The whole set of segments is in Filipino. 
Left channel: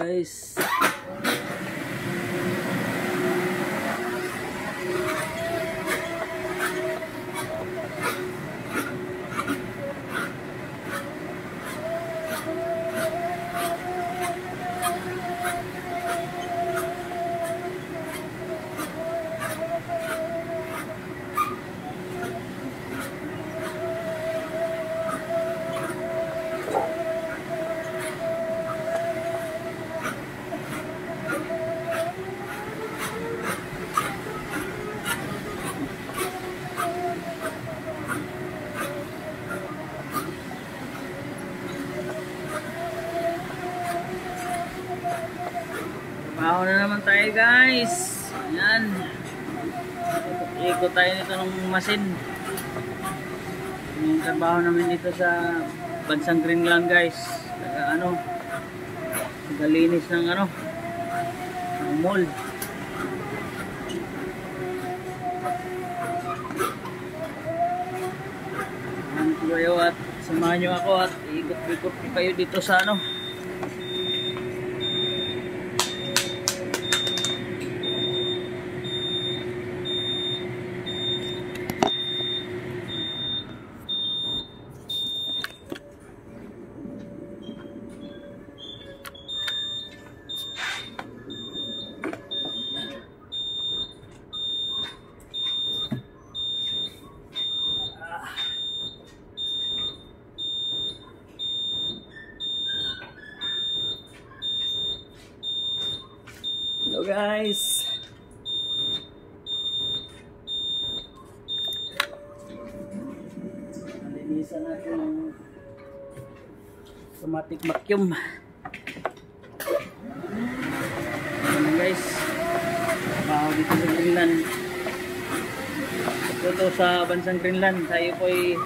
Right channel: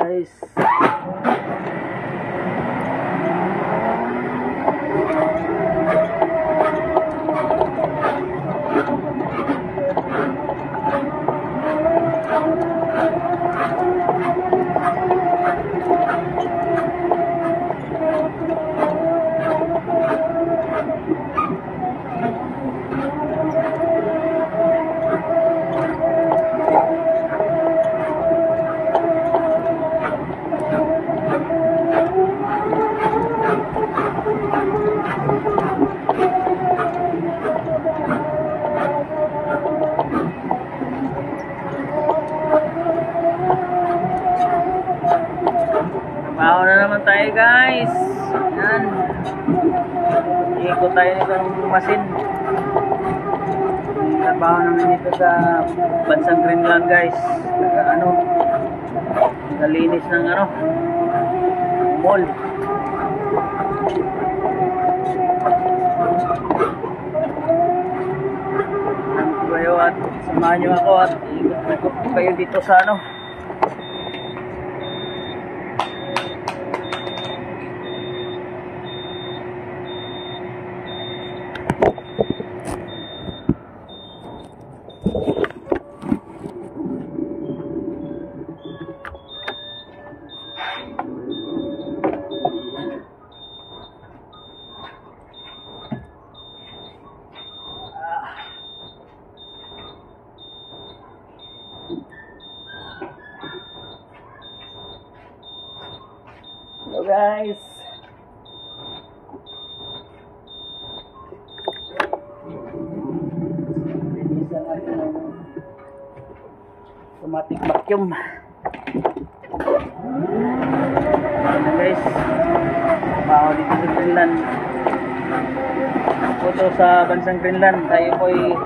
guys. Baho na naman tayo guys. Yan. Ikot tayo nito ng masin. Trabaho namin dito sa Bansang Greenland guys. Nagalinis ng mall. Nandito kayo at samahan nyo ako at ikot-ikot kayo dito sa Hello guys. Linisan natin ng automatic vacuum. Ayan guys. Baho dito sa Greenland. Ito sa Bansang Greenland. Tayo po ay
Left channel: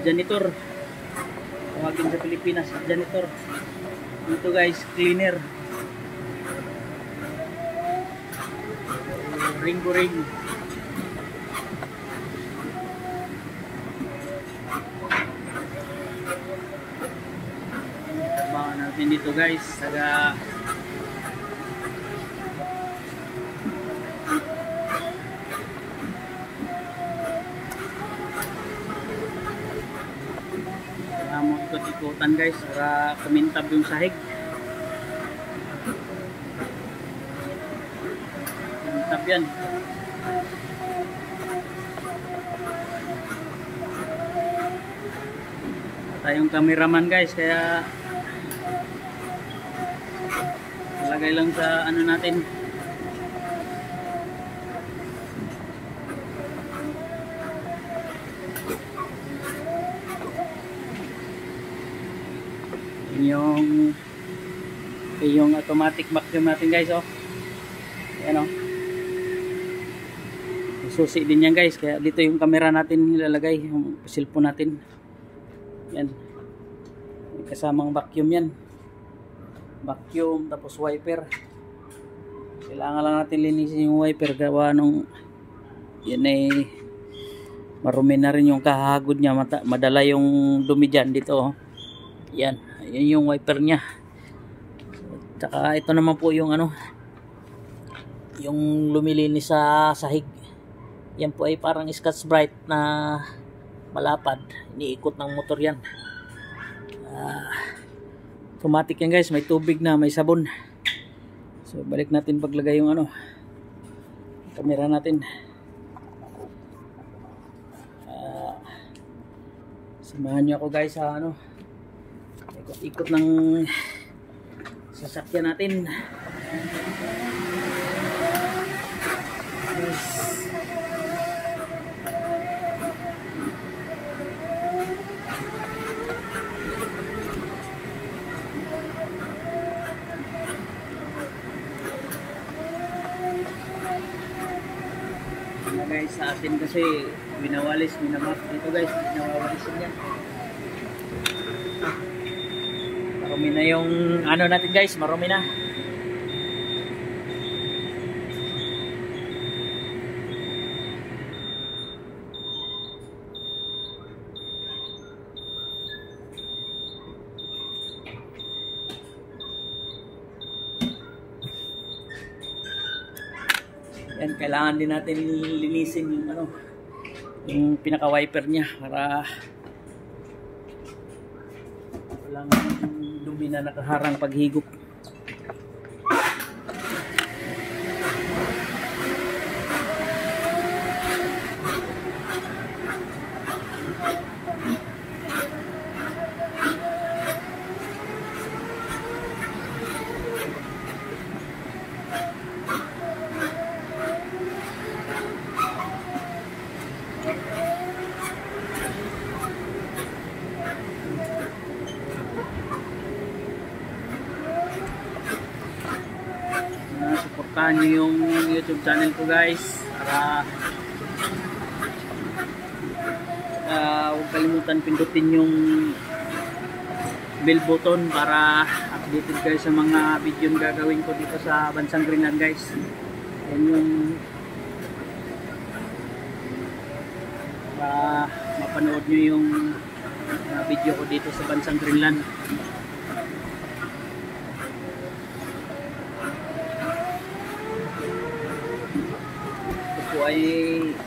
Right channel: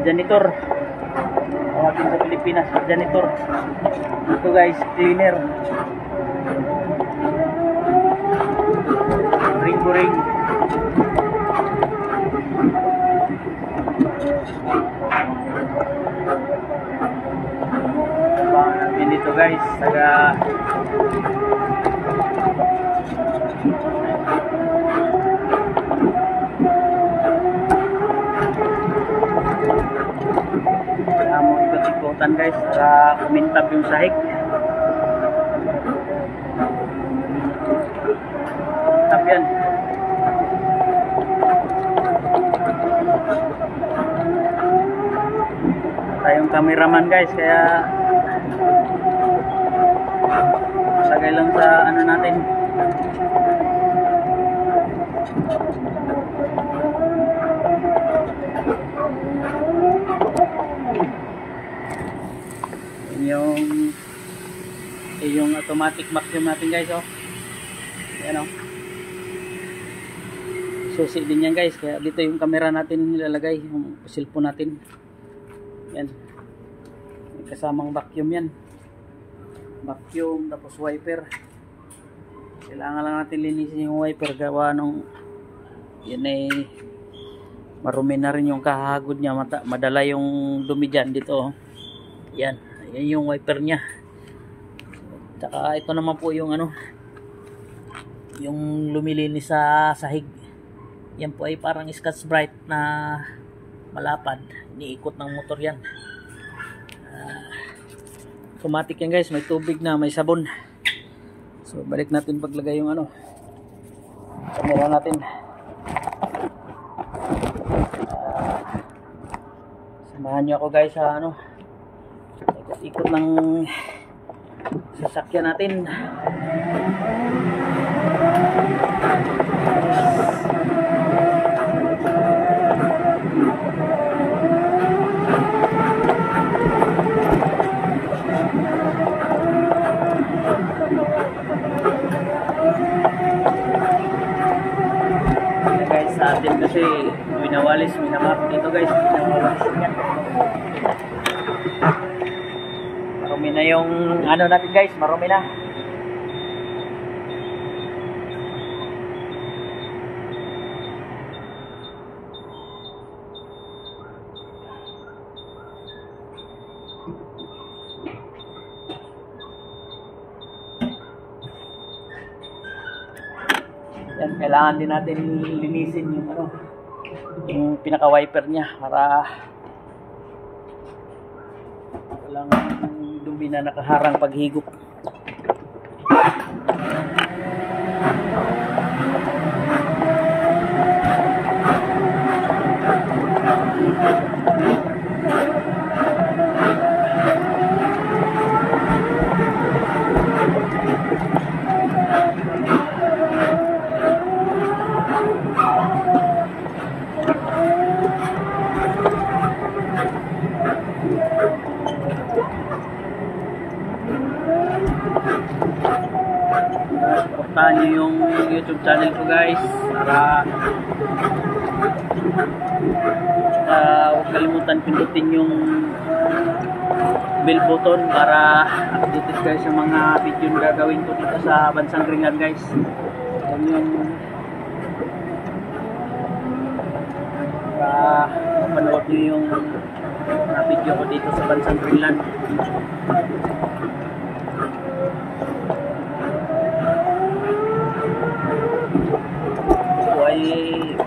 janitor. Tawagin sa Pilipinas, janitor. Ito guys, cleaner. Ring-ring. Trabaho natin dito guys, taga ikot-ikotan guys para kumintab yung sahig. Kumintab yan. Tayong cameraman guys, kaya lagay lang sa natin. Yung automatic vacuum natin guys, ayan susi din yan guys, kaya dito yung camera natin nilalagay, yung cellphone natin. Yan, may kasamang vacuum yan, vacuum tapos wiper. Kailangan lang natin linisin yung wiper, gawa nung yan ay marumi na rin yung kahagod nya, madala yung dumi dyan dito. Yan yung wiper nya. Tsaka ito naman po yung yung lumilinis sa sahig. Yan po ay parang Scotch Brite na malapad, iniikot ng motor yan. Automatic yan guys, may tubig na, may sabon. So balik natin paglagay yung camera natin. Samahan nyo ako guys sa ikot-ikot ng sasakyan natin. Guys, sa atin kasi winawalis, minamap dito guys, winawalis niya. Marumi na yung natin guys, marumi na. Yan, kailangan din natin linisin yung ano, yung pinaka-wiper niya para walang dumi na nakaharang paghigop. Supportahan nyo yung YouTube channel ko guys para huwag kalimutan pindutin yung bell button para updated guys sa mga video na gagawin ko dito sa Bansang Greenland guys. Yan yung mapanood nyo yung video ko dito sa Bansang Greenland. Ay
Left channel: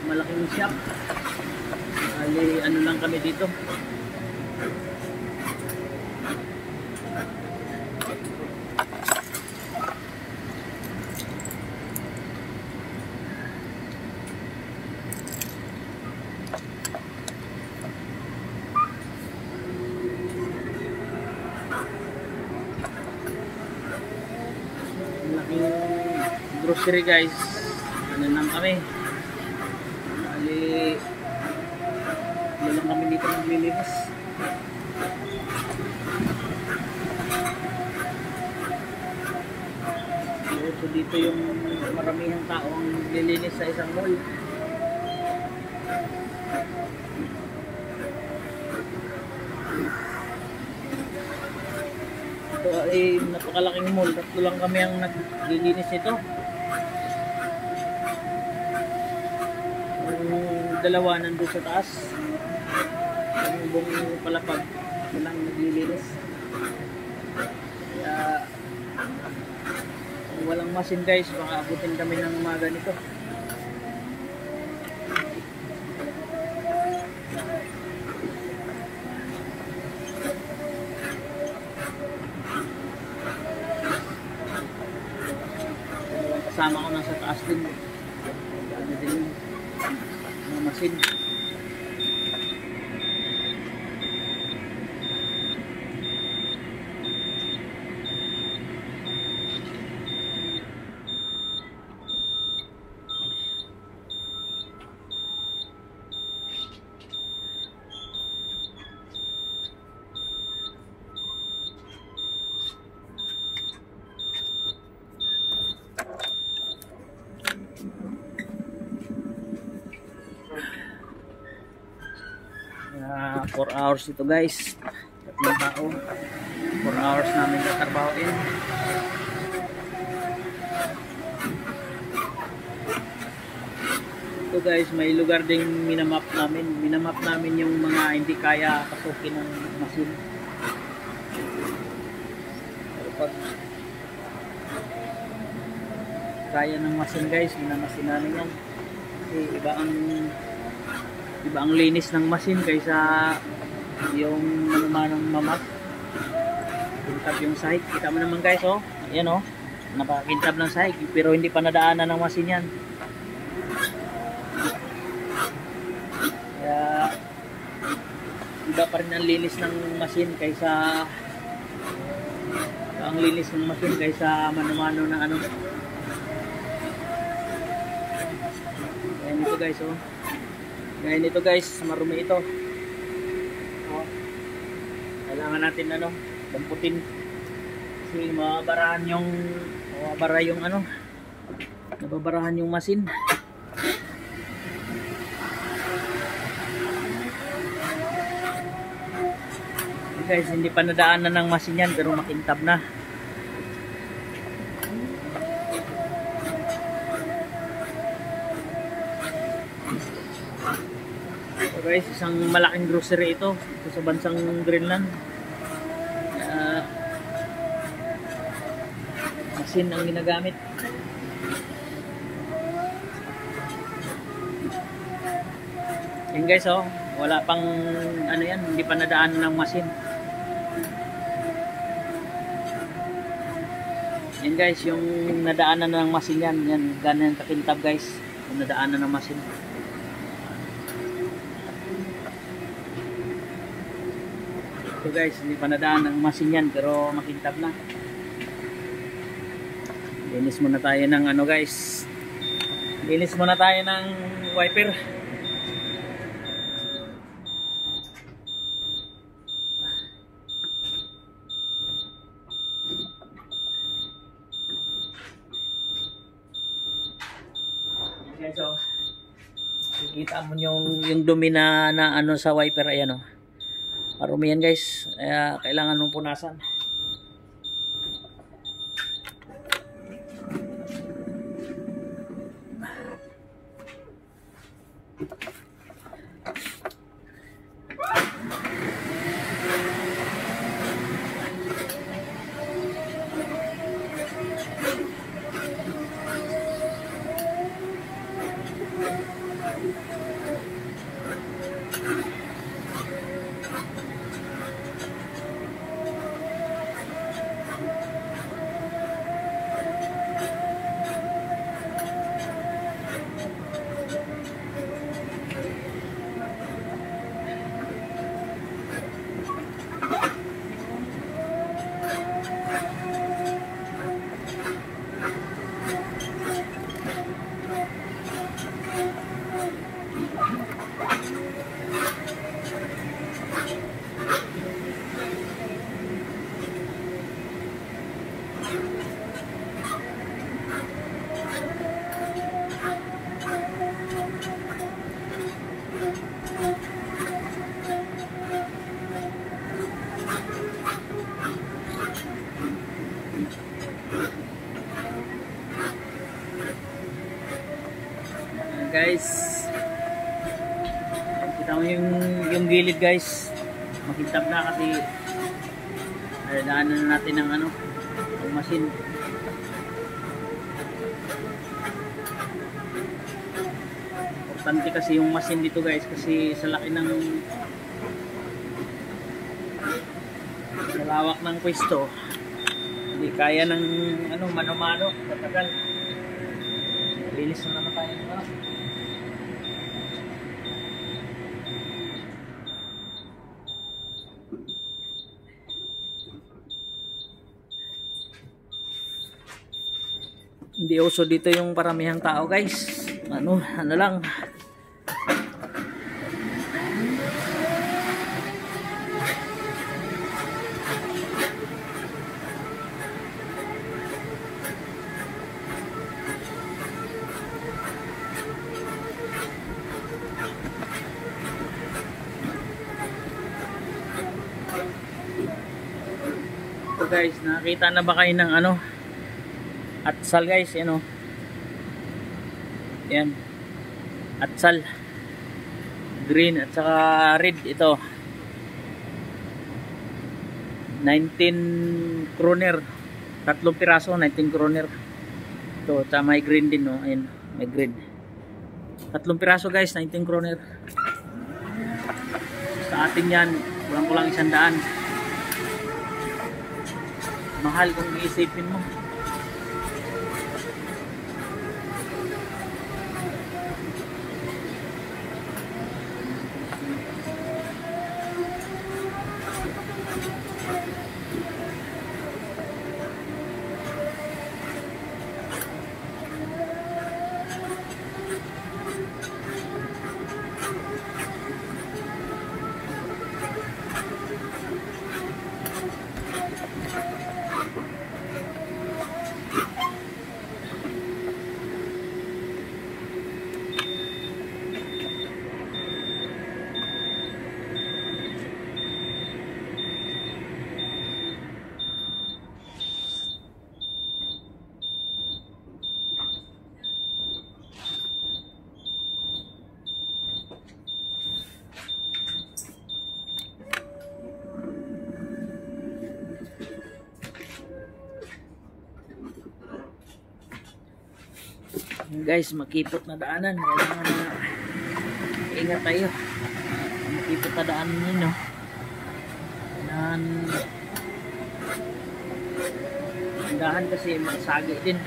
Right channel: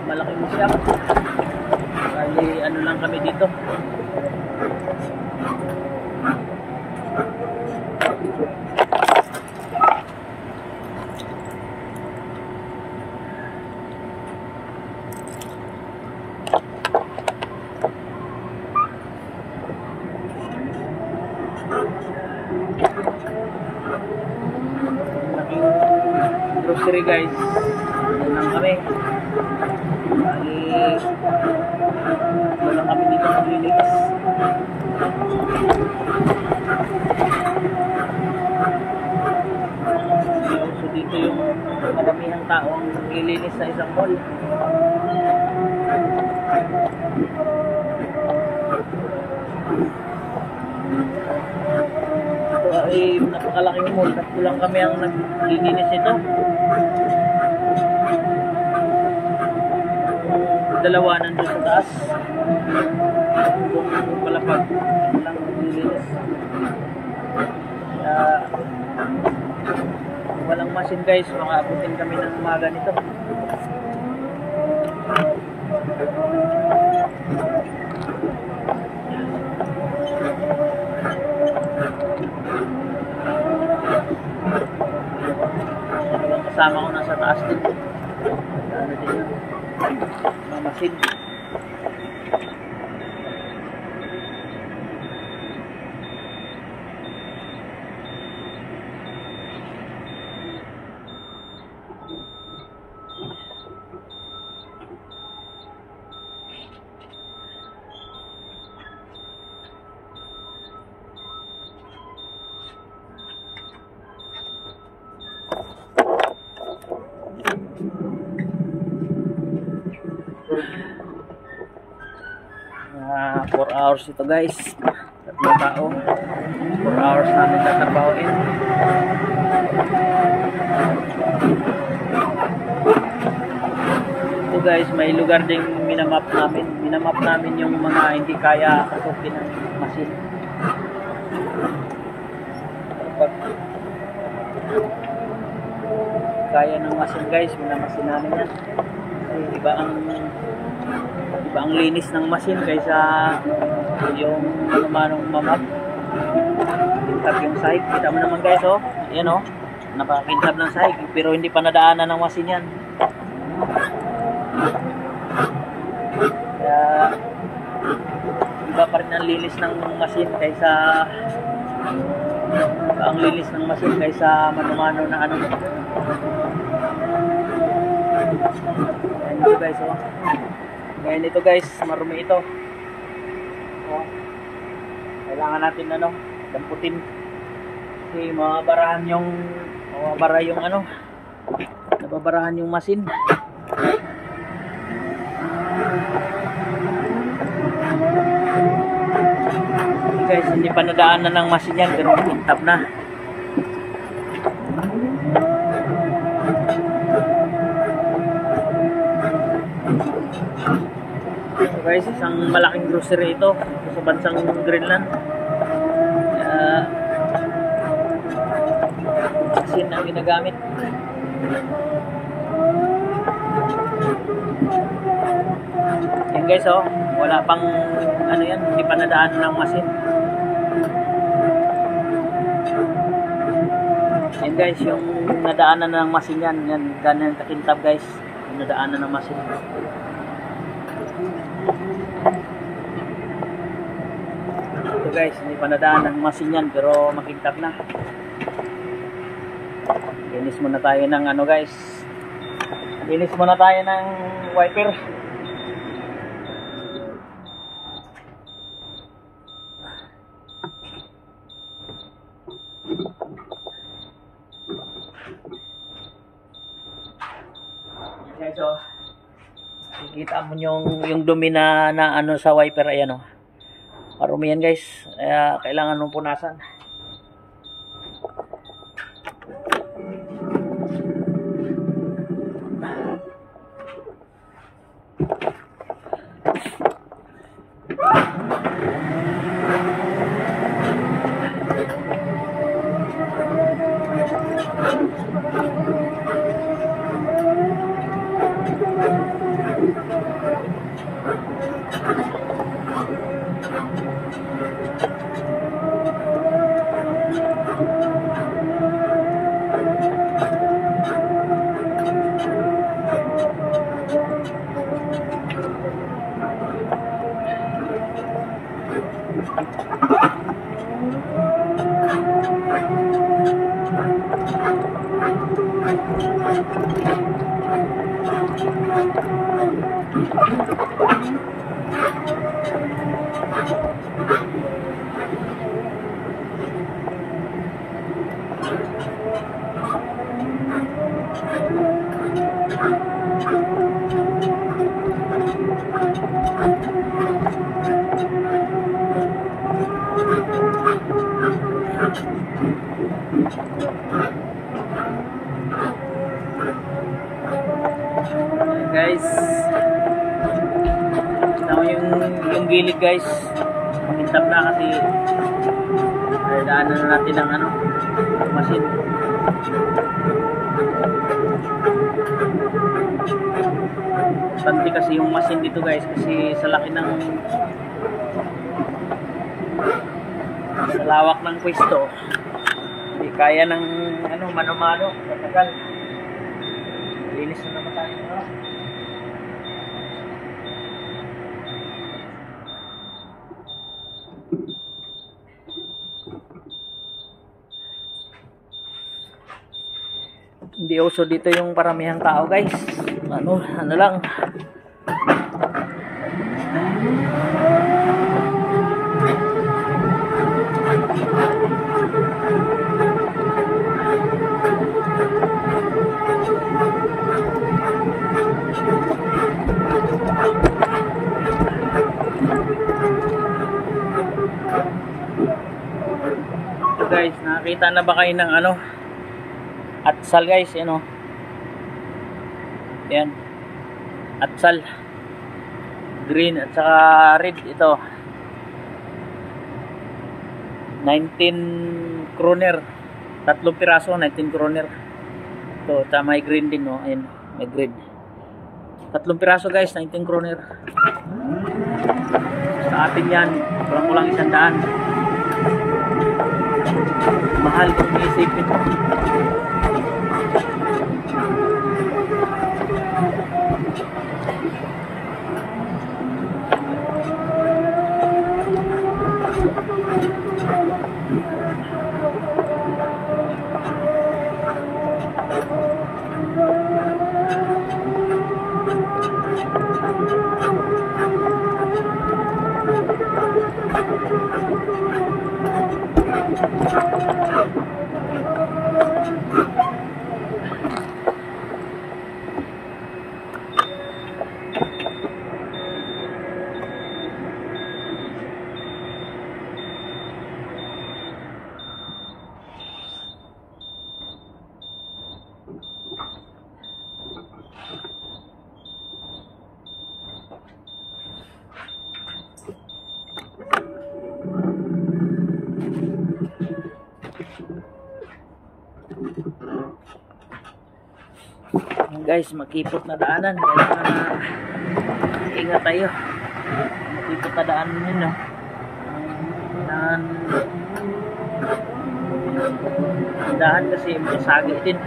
malaking siya. Bali ano lang kami dito. Malaking grocery guys. Ano lang kami. Bali wala lang kami dito naglilinis. So dito yung maramihang taong naglilinis sa isang mall. Ito ay napakalaking mall. Tatlo lang kami ang naglilinis ito. Dalawa nandun sa taas. Yung palapag lang naglilinis. Kaya walang masin guys, makaabutin kami ng umaga nito. Walang kasama ko nasa taas din. Dami din yun. Masin. Ah, 4 hours ito guys. Tatlong tao. 4 hours namin tatrabahoin. Ito guys, may lugar ding minamap namin. Minamap namin yung mga hindi kaya pasukin ng masin. Pag kaya ng masin guys, minamasin namin yan. Kasi iba ang linis ng masin kaysa yung manong mamap. Kintab yung sahig. Kita mo naman guys, oh. Yan oh. Nakakintab ng sahig pero hindi pa nadaanan ng masin yan. Kaya iba pa rin ang linis ng masin kaysa ang linis ng masin kaysa mano-mano na ano. Ayan ito guys, oh. Ngayon ito guys, marumi ito. Oh. Kailangan natin ano, damputin. Kasi mababarahan yung ano, nababarahan yung masin. Okay guys, hindi pa nadaanan ng masin yan, pero nakintab na. Guys, isang malaking grocery ito sa Bansang Greenland. Masin ang ginagamit. Yan guys, oh, wala pang ano yan, hindi pa nadaan ng machine. Yan guys, yung nadaanan ng machine yan, yan ganyan kakintab guys, yung nadaanan ng machine. Ito guys, hindi pa nadaan ng machine yan, pero makintab na. Linis muna tayo ng ano guys, linis muna tayo ng wiper. Guys, so kikita mo yung dumi na ano sa wiper, ayan oh. Marumi yan guys, kailangan mong punasan. Guys, kita mo yung gilid guys, makintab na kasi daanan na natin ng ano, machine. Tanti kasi yung machine dito guys, kasi sa laki ng sa lawak ng pwesto, hindi kaya ng ano, mano-mano, matagal. Linis na naman tayo ng oras. Hindi uso dito yung paramihang tao guys, ano lang. Ito guys, nakakita na ba kayo ng ano, atsal guys, yan o. Yan. Atsal. Green at saka red ito. 19 kroner. 3 piraso, 19 kroner. Ito, tsaka may green din no. Ayun, may green. 3 piraso guys, 19 kroner. Sa atin yan, kulang-kulang 100. Mahal kung iisipin mo. Guys, makipot na daanan, kailangan na ingat tayo. Dito tadaan yun, no? Dahan kasi masagi din.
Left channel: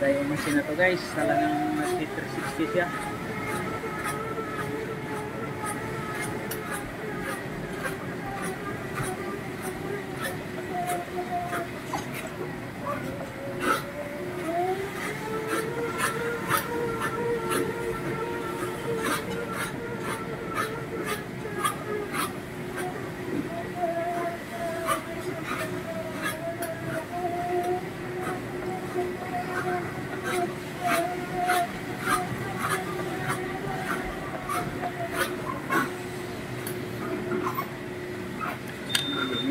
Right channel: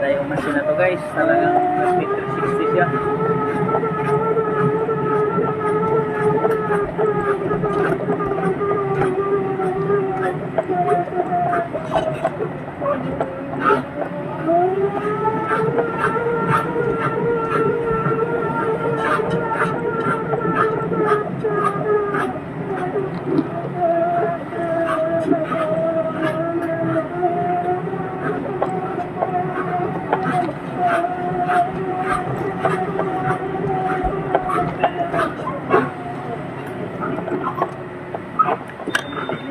Tayo masin na to guys, talagang 360 siya.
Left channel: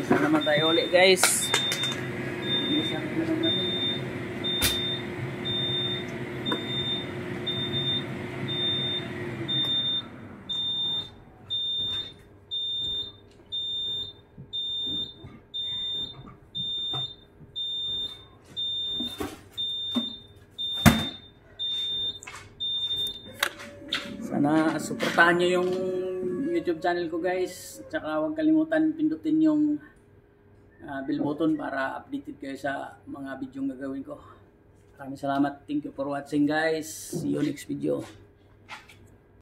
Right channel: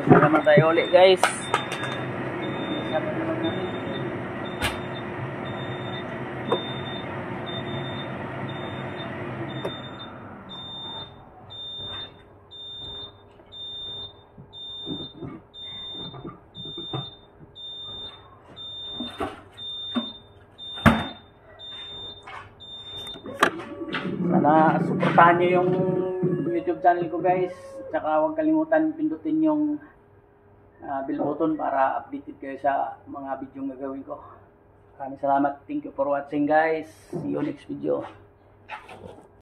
Salamat tayo ulit guys. Sana suportahan nyo yung YouTube channel ko guys. Tsaka huwag kalimutan pindutin yung bell button para updated kayo sa mga video gagawin ko. Maraming salamat. Thank you for watching guys. See you next video.